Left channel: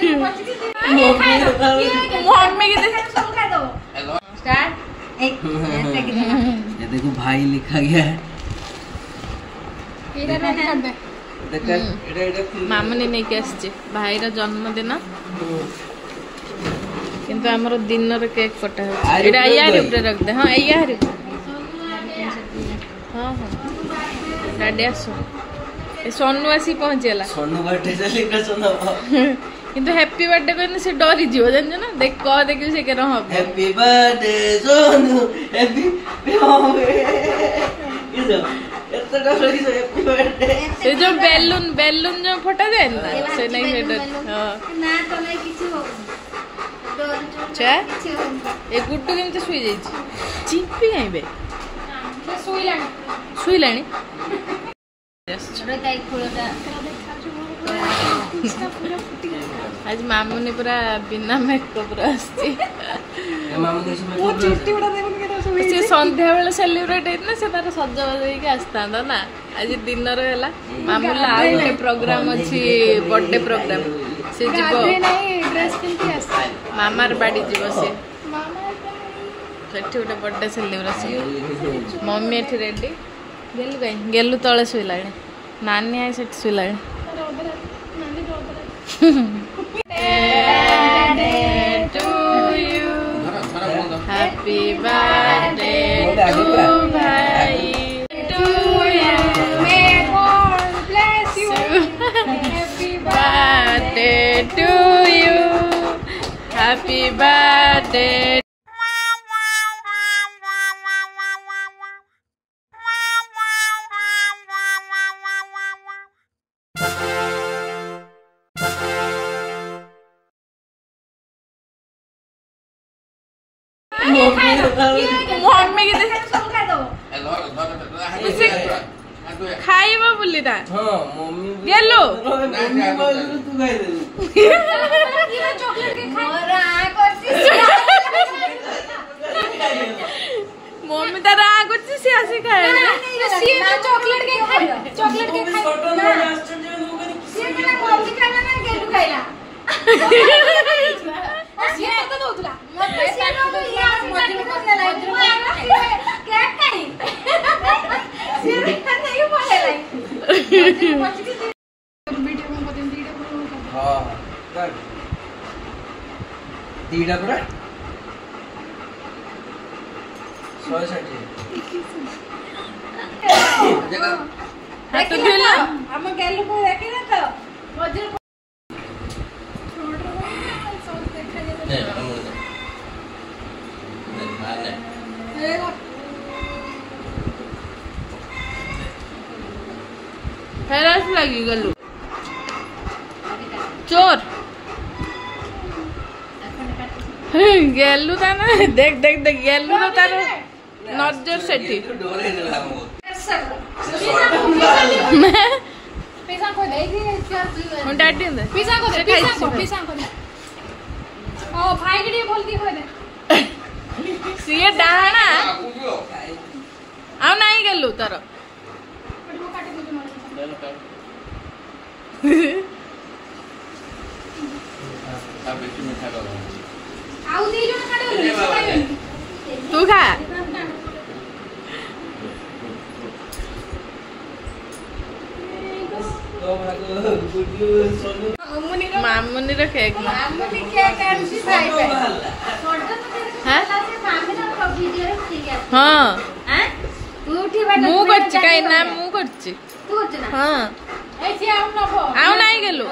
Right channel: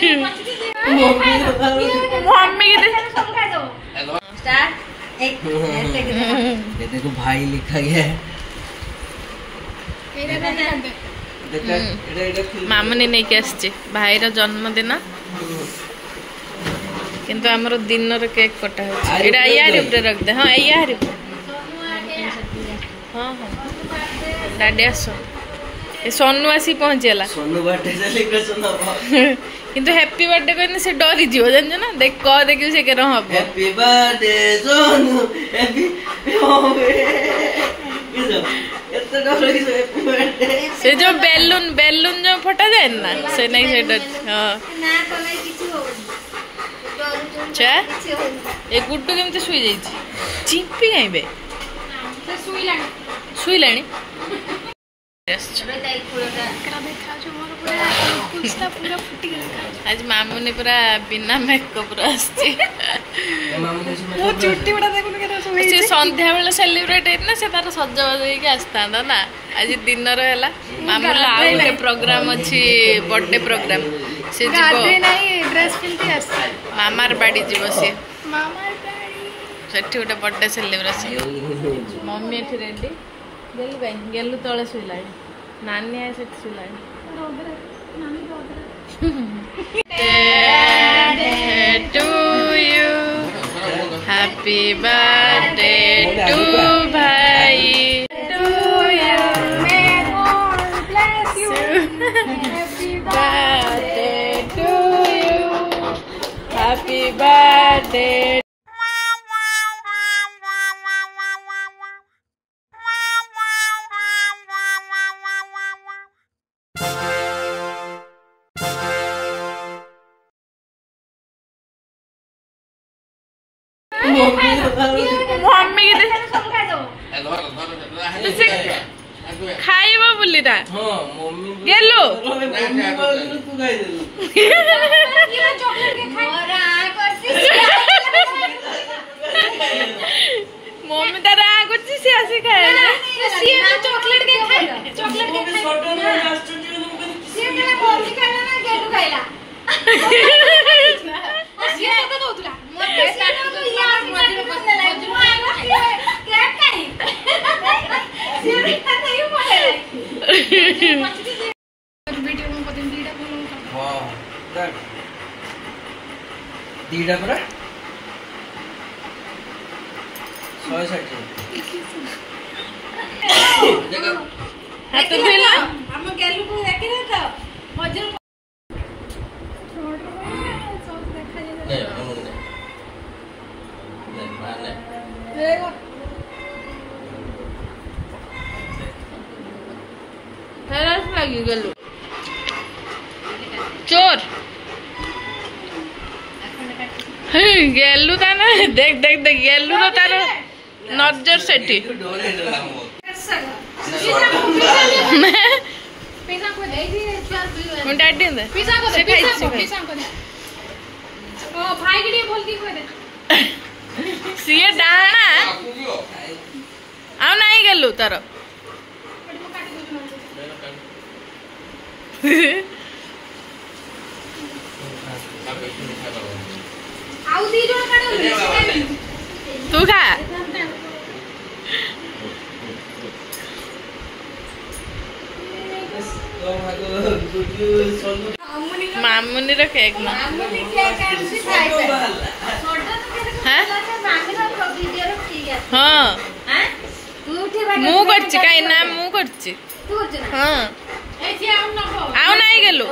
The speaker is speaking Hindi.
मम्मी के देखो भाई लिखा गया है। मामुनी नहीं के आसचे भाई रो जन्मदिन किंतु हमरो दिन रो केक कटा है एडा यार ऊपर रख दे। हां यार हां हां डाडी आसो ए सोनू आसी पहुंचेला सोनू बर्थडे सेलिब्रेट सोनू किंतु हैप्पी बर्थडे कहने से डरी जीव जान ना देख क देखि से के रह हैप्पी बर्थडे सोनू हैप्पी से जो बेलून बेलून जो फटा जाए ना से नहीं से डर। हां अच्छा ए गुड्डू केमते सुई जाई छी चिंपी आइबे से सुई लाणी आज मामुनी पूरा बिना मेकअप चुट्टी गुड़ा देखुन संध्या बेले सेलिब्रेट होना से तार सजबाज होइके आस्ता ना आज दिन रहा मामुला आउ प्रोग्राम अच्छी बर्थडे प्रोग्राम से मामार बाड़ी जीव सी सेठी गोटे बर्थडे सेलिब्रेशन मम्मी एठी रेडी गेलु कहीं गेलु तले शुला नानी आए से शुला to you happy birthday to भाई to you may God bless you happy birthday to you happy birthday mummy के खाइबा बोली ना गेलो मम्मी तार आ करछि से आसी खाए सी चॉकलेट के खाए चॉकलेट के सी केला कॉफी खाइला ना गेटू खाइला सी तो दोतला मते साथ तो यार मते को केक खाई सी नहीं बोले वीडियो में पतिन दीडा को हां डन दीडा पर 160 हाथ धोला हम गेलु को देखिले तो मजर फेरस लगी गलु चोर गेलु ता ना देख देख देख गेलु तो तार नजर सेठी पिज़्ज़ा को दे दी मैं डाडी दे पिज़्ज़ा को ओ भाई के बोलती हो दे सीए डाणा आउ नहीं गेलु तार आउ दी जो काटे तू खा मामुनी रो केक मामुनी केक काटसी खाइबे हां मामी रो वीडियो ठीक है हां हां तू उठी बैठ मु करछि काई ना मु करछि तू करछ ना हां ए जे आउ न आउ नहीं गेलु